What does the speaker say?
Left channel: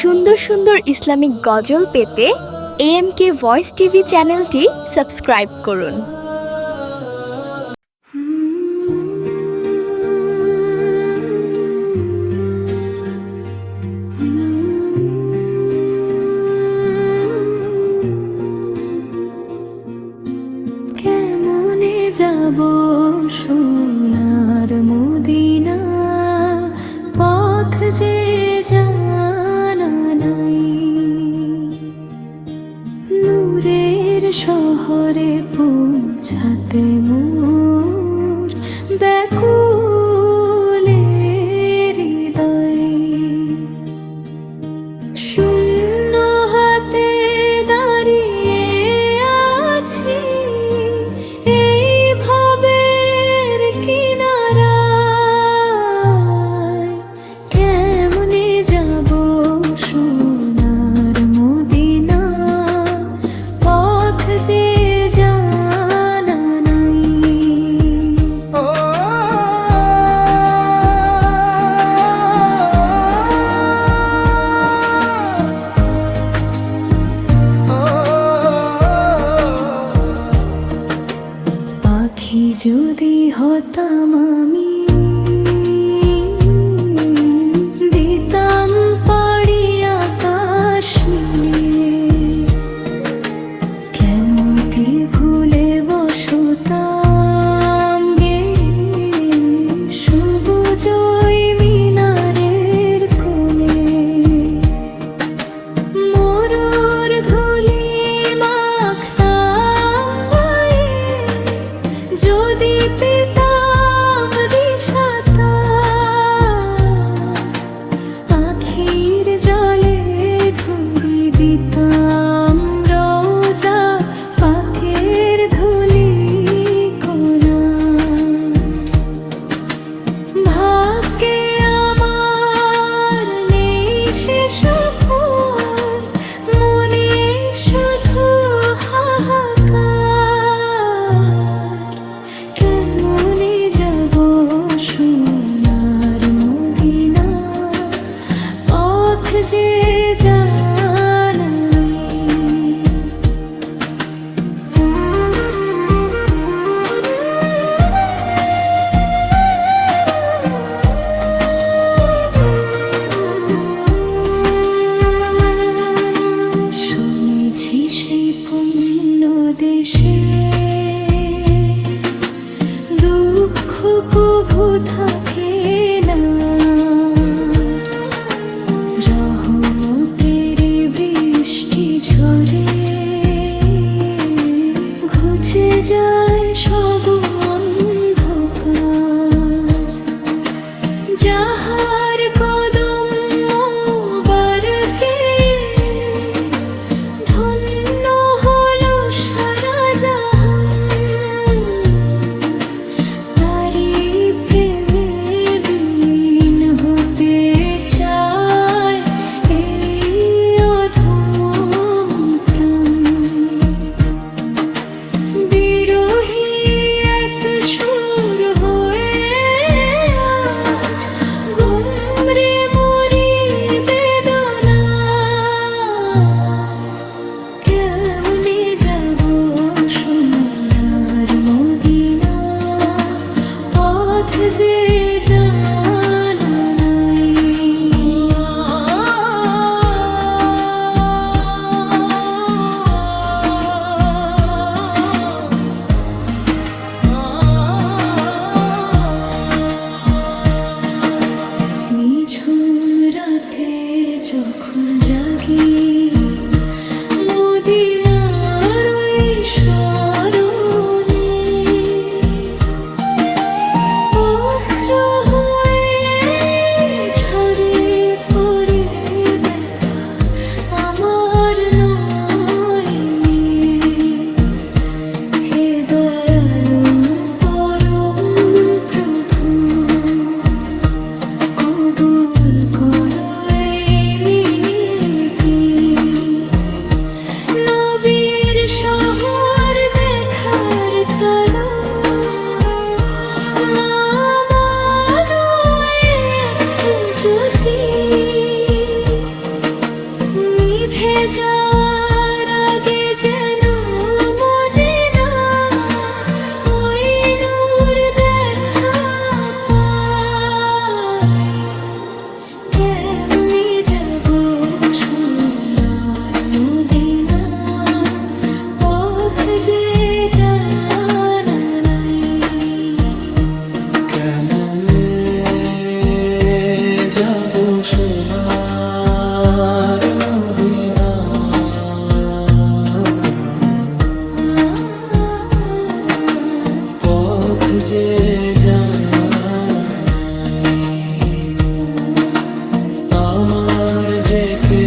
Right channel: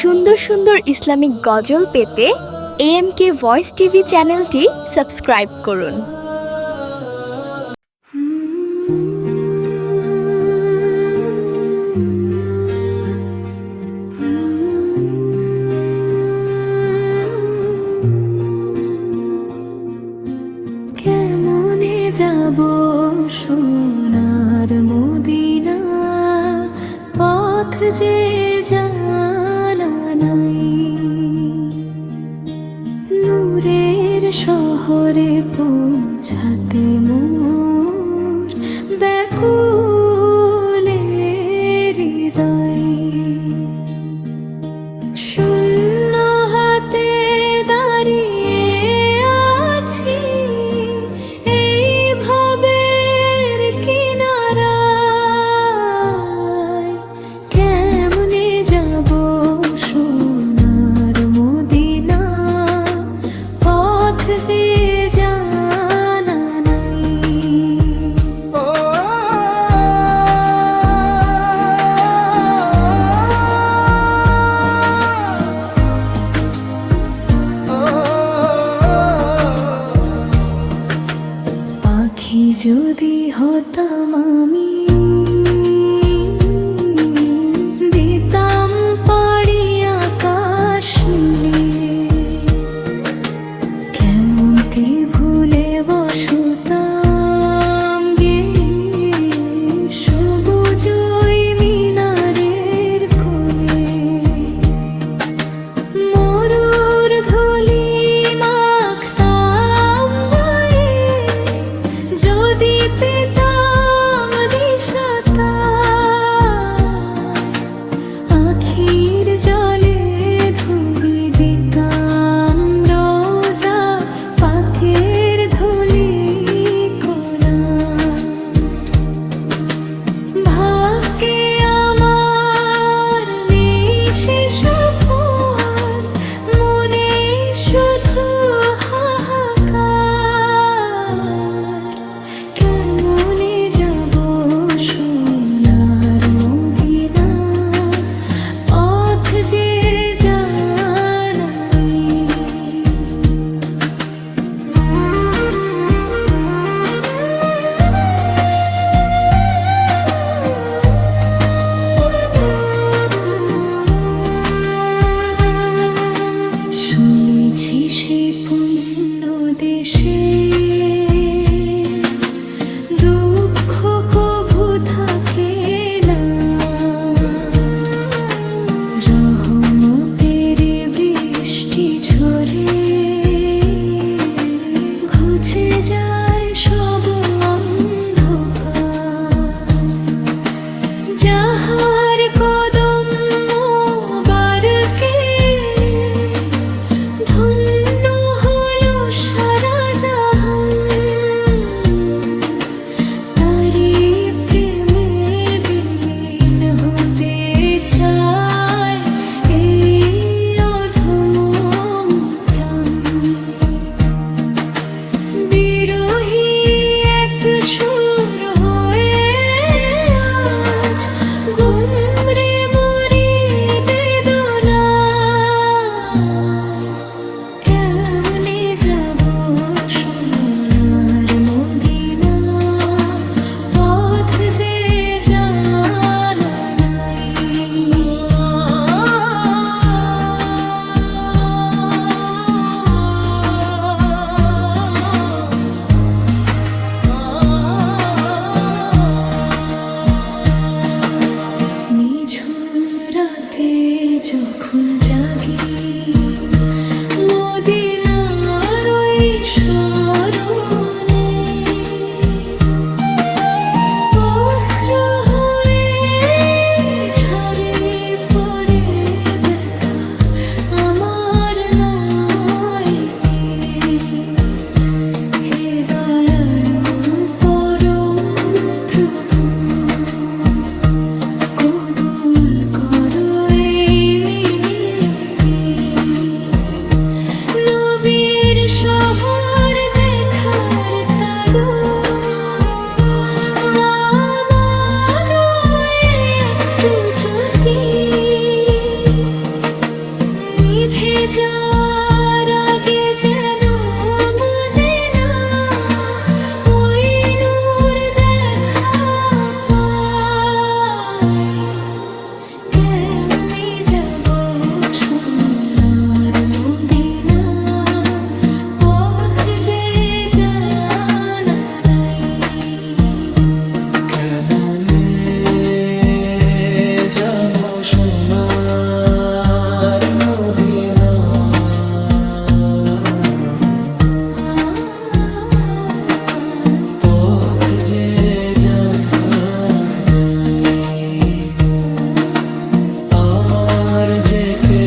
সুন্দর সুন্দর ইসলামিক গজল পেতে এম কে ভয়েস টিভি চ্যানেলটি সাবস্ক্রাইব করুন। কেমনে যাব সোনার মদিনা? পথ যে জানা নূরের শহরে পৌঁছাতে মোর। ব্যাকুলে যদি হতাম আমি যদি পেতাম দিশাতা, আখির জলে ধুরি দিতাম রোজা পাখের ধুলি কোনা। ভাগ্যে আমার নেই সে সেই পুণ্য দেশে। দুঃখ কভু থাকে না। রহমতের বৃষ্টি ঝরে। ঘুচে যায় সব অন্ধকার। যাহার রাতে যখন জাগি মদিনার কবুল করো। কেমনে যাব সোনার পথ যে জানা আমার যে কেউ